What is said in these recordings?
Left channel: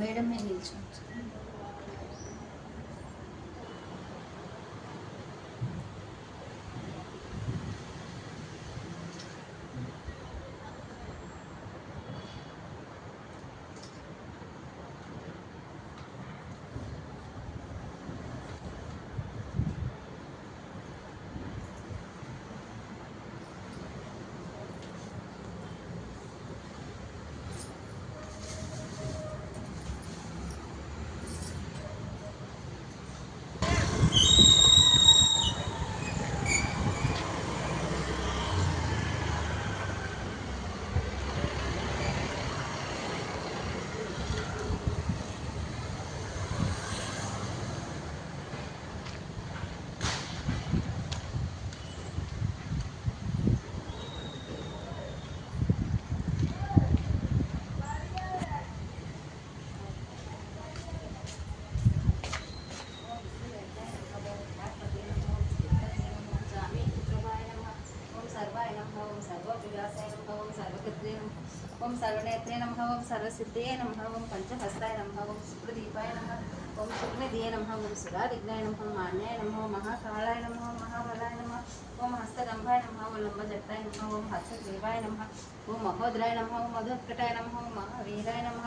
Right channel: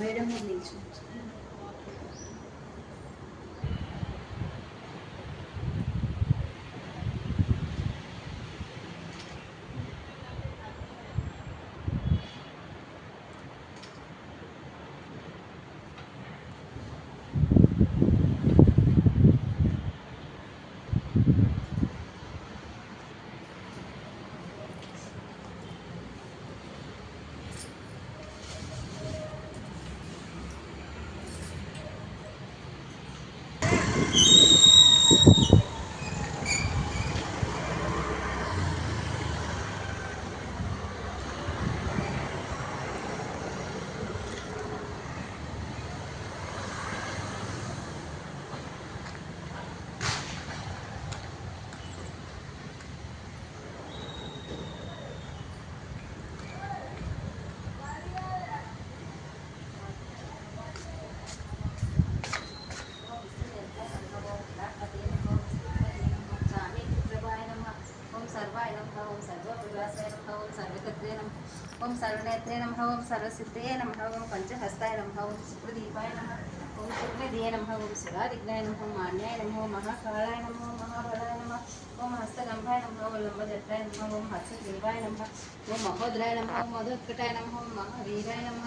Madam మీరు నిల్చు. ओम सर्वनेत्रे नमः ओम सर्वसिद्धये नमः ओम पंचहस्ताय नमः ओम शुक्रदीपाय नमः ओम शुक्रदिये नमः ओम सुरादिग्नाय नमः मान्याय नमः ओम महाकालाय नमः ओम महाबलाय नमः ओम हस्तगंभाय नमः ओम लंबजटाय नमः ओम हस्तग्रीवाय नमः ओम महोदराय नमः ओम मधुत्कटाय नमः ओम महावीराय नमः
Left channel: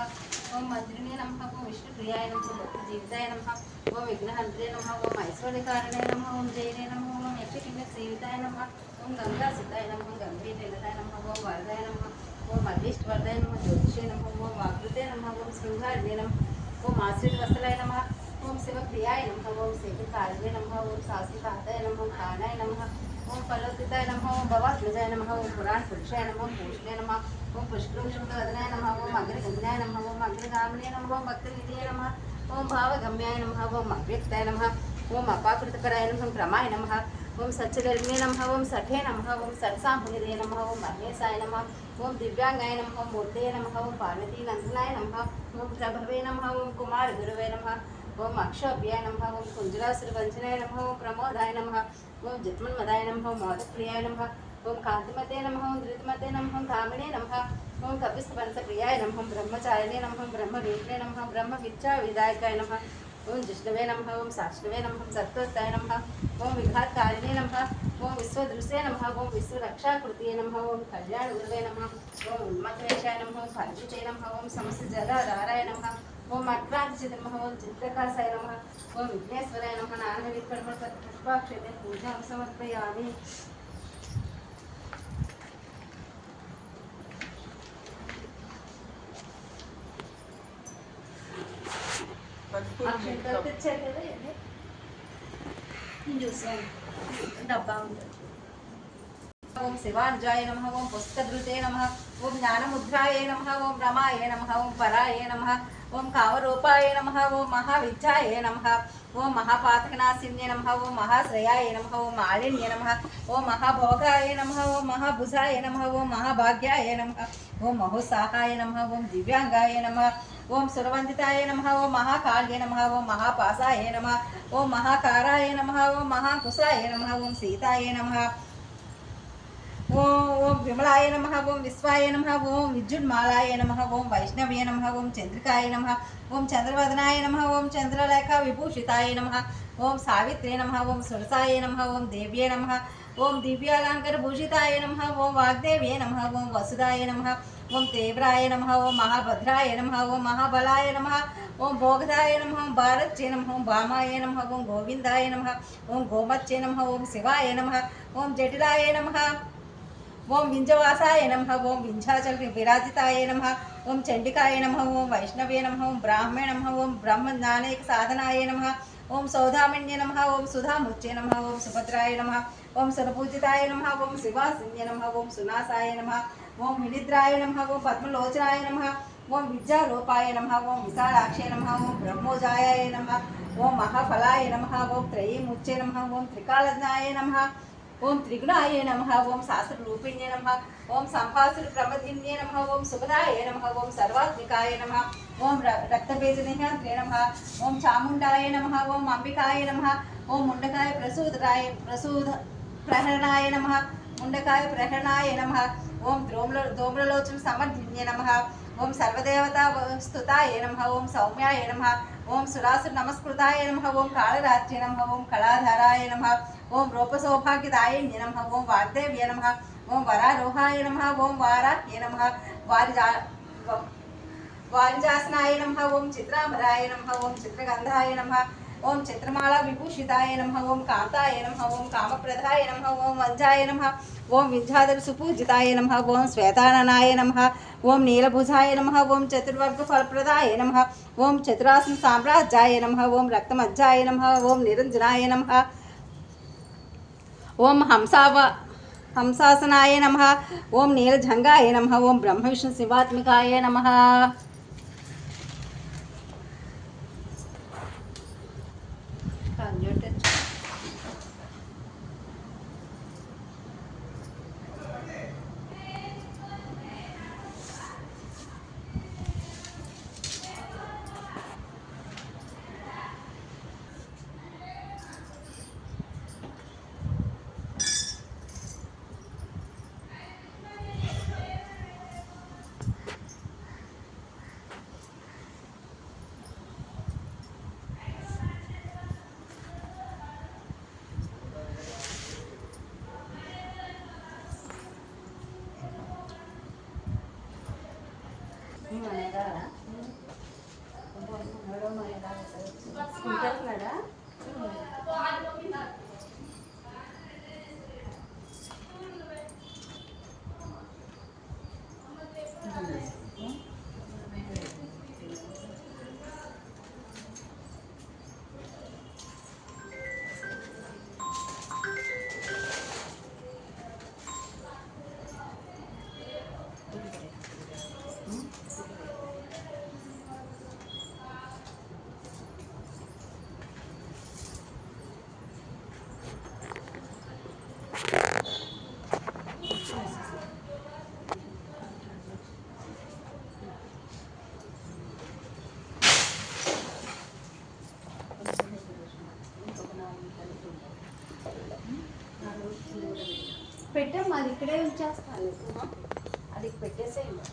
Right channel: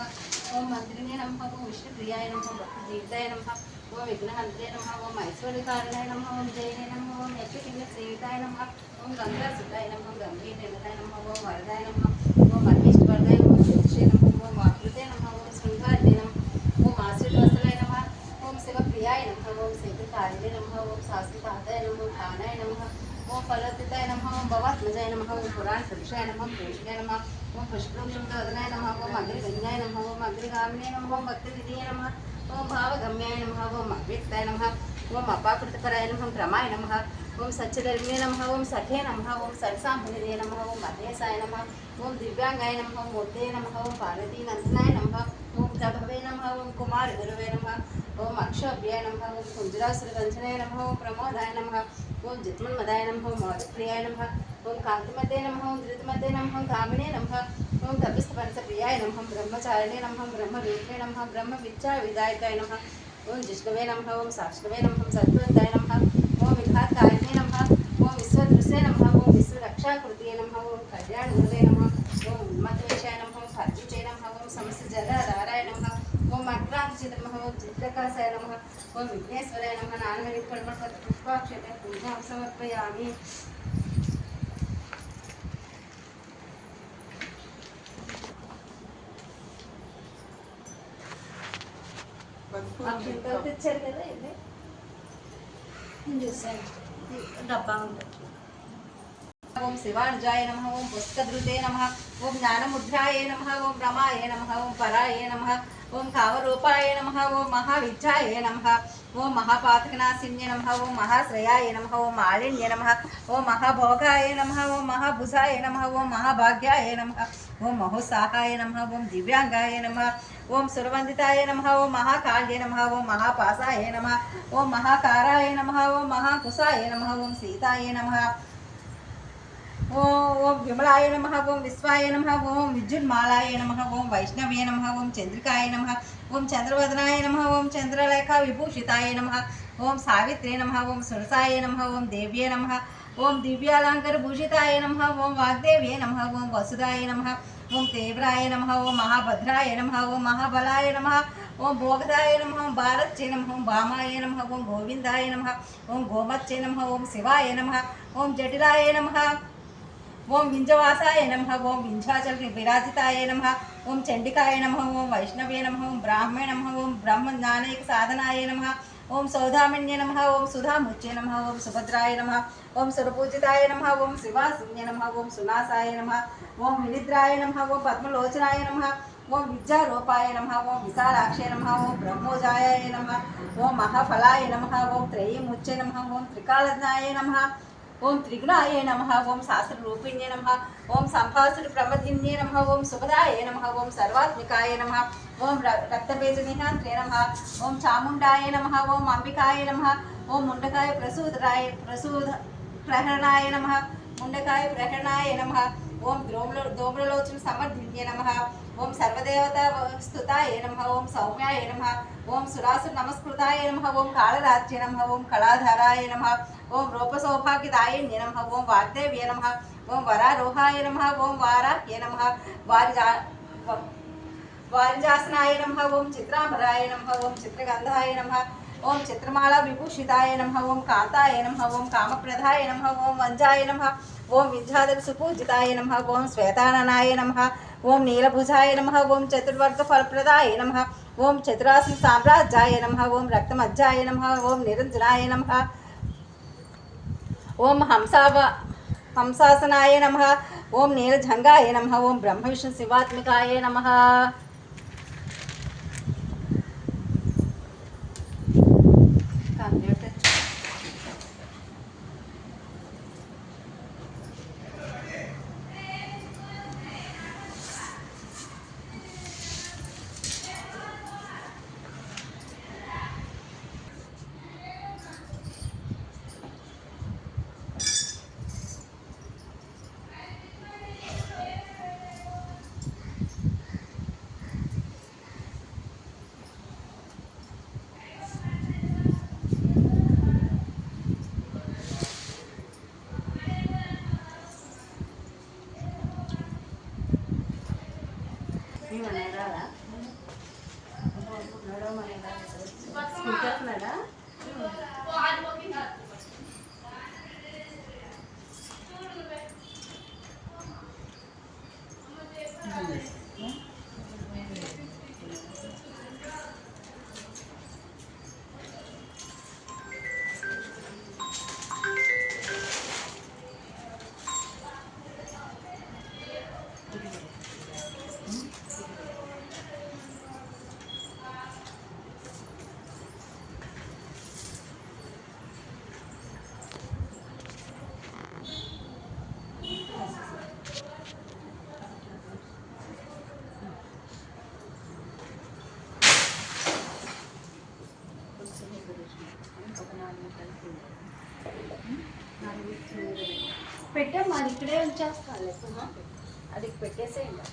ओम मंत्रिणे नमः ओम विष्णुप्रियाय नमः ओम भक्तिजीविताय नमः ओम विघ्नहन्त्रे नमः ओम ऐश्वर्यकारिणे नमः ओम जयने नमः ओम यज्ञपिण्डसेविताय नमः ओम गंगासुताय नमः गंभीरनिलताय नमः ओम वरदाय नमः ओम अग्निष्टवर्धाय नमः ज्योतिषे नमः ओम आकृते नमः ओम शृंगारणे नमः ओम आश्रितवत्सलाय नमः ओम शिवप्रियाय नमः ओम सेविकारिणे नमः ओम शास्त्रकाताय नमः ओम खानाय नमः ओम फलोदिताय नमः ओम भवात्मजाय नमः ओम पुराणपुरुषाय नमः पूषणे नमः ओम पुष्पवृक्षवदनाय नमः ओम अग्रगण्याय नमः ओम अग्रगामिने नमः ओम भक्तनिधये नमः ओम भावगम्याय नमः ओम अव्यक्ताय नमः ओम अपाकृतपराय नमः क्रमाय नमः ओम सच्चिदर्मिणे नमः ओम सखे नमः ओम सरसाम्भनिधये नमः ओम महेशाय नमः ओम दिव्यांगाय नमः ओम मूर्ते नमः ओम पार्वतीनंदनाय नमः ओम प्रभवे नमः ओम कुमार गुरुवे नमः ओम अक्षोभ्याय नमः ओम कुंजरासुरभंजनाय नमः ओम प्रमोदाय नमः ओम जित्मन्मदाय नमः ओम मोदप्रियाय नमः ओम कांतिमते नमः ओम धृतमते नमः ओम कामिने नमः ओम कपिस्तपंचप्रियाय नमः ओम ब्रह्मचारिणे नमः ओम ब्रह्मरूपिणे नमः ब्रह्मविद्याविदायकाय नमः ओम जिष्णवे नमः ओम साष्णवे नमः ओम सत्वताय नमः ओम विघातकारिणे नमः ओम विश्वदृश्ये नमः ओम विश्वरक्षाकृतये नमः ओम कल्याणगुरवे नमः ओम उन्मत्तवेशाय नमः ओम फर्जुचे नमः ओम समस्तजलाधाराय नमः ओम अक्रांतचित नमः ओम चित्रकासाय नमः ओम विघ्नेश्वराय नमः नानाविधकर्मपुष्पाक्षते पूजां समर्पयामि। ओम शिवानुजाय नमः ओम पुस्तकधृते नमः ओम ज्ञानमुद्राय नमः ओम रमाय नमः ओम पराय नमः ओम कामरूपाय नमः ओम महाविद्याय नमः ओम महापातकनाशिन्ये नमः ओम महाश्रयाय नमः ओम मालिन्ये नमः ओम महाभोगाय नमः ओम महाभुजाय नमः ओम महाभाग्याय नमः ओम महोत्साहाय नमः ओम दिव्यांगाय नमः ओम सुरवंदिताय नमः ओम महाकाल्ये नमः ओम महापासाय नमः ओम महाकाराय नमः ओम महाकुशाय नमः ओम सीताय नमः ओम विमलाय नमः ओम विश्वाय नमः ओम विद्युन्मालाय नमः ओम वैष्णवे नमः ओम चंद्रिकाय नमः ओम चंद्रवदनाय नमः ओम चंद्रलेखा विभूषिताय नमः ओम सावित्रे नमः ओम सुरसाय नमः ओम देव्ये नमः ओम दिव्यालंकार भूषिताय नमः ओम वाग्देव्ये नमः ओम वसुदाय नमः ओम तीव्राय नमः ओम महाभद्राय नमः ओम महाबलाय नमः ओम भोगदाय नमः ओम भारतचे नमः ओम भामाय नमः ओम गोविंदाय नमः ओम गोमत्चे नमः ओम शिवाय नमः ओम जटिलाय नमः ओम विंजवासाय नमः ओम विंध्याचल विराजिताय नमः ओम चंडिकाय नमः ओम वैष्णवे नमः ओम ब्राह्मणे नमः ओम ब्रह्मज्ञानैक साधनाय नमः ओम सौधामन्ये नमः ओम सुधामुच्चे नमः ओम सुभद्राय नमः ओम सुरपूजिताय नमः ओम शिवासिन्ये नमः ओम सुनासाय नमः ओम विनिद्राय नमः ओम पद्मलोचनाय नमः ओम विद्यारूपाय नमः ओम विशालाक्षे नमः ओम ब्रह्मोजायाय नमः ओम महाफलाय नमः ओम त्रयीमुच्चे नमः ओम त्रिकालज्ञाय नमः ओम त्रिगुणाय नमः ओम शास्त्ररूपिण्ये नमः ओम संभासुर प्रमदिन्ये नमः ओम सुभदाय नमः ओम सर्वात्मिकाय नमः ओम रक्तबीजनिहान्त्रे नमः ओम चामुण्डाय नमः ओम अंबिकाय नमः ओम मुंडकाय प्रसूद प्रहरणाय नमः मुंडकाय प्रहरणाय नमः ओम धूम्रलोचन समर्धिन्ये नमः ఓం సర్వదేవతా స్తుతాయ నమః ఓం సౌమ్యాయ నమః ఓం సురాసుర నమస్కృతాయ నమః ఓం కాళరాత్రి నమః ఓం కళాధారాయ నమః ఓం రూపసౌభాగ్యదాయ నమః ఓం వాగ్దేవ్య నమః ఓం వరారోహాయ నమః ఓం వారాహ్య నమః వారిజాసనాయ నమః ఓం చిత్రాంబరాయ నమః ఓం చిత్రగంధాయ నమః ఓం చిత్రమాలా విభూషితాయ నమః ఓం కాంతాయ నమః ఓం కామప్రదాయ నమః ఓం వంజాయ నమః ఓం విద్యాధర సుపూజితాయ నమః ఓం శ్వేతాననాయ నమః ఓం నీలభుజాయ నమః ఓం చతుర్వర్గ ఫలప్రదాయ నమః ఓం చతురాసన సామ్రాజ్యాయ నమః ఓం రక్తమజ్జాయ నమః ఓం నిరంజనాయ నమః ఓం హంసాసనాయ నమః ఓం నీలజంగాయ నమః ఓం బ్రహ్మ విష్ణు శివాత్మికాయ నమః. పెట్టాం అది ఇక్కడే ఉంచేస్తాను అది పెట్టేసేయండి.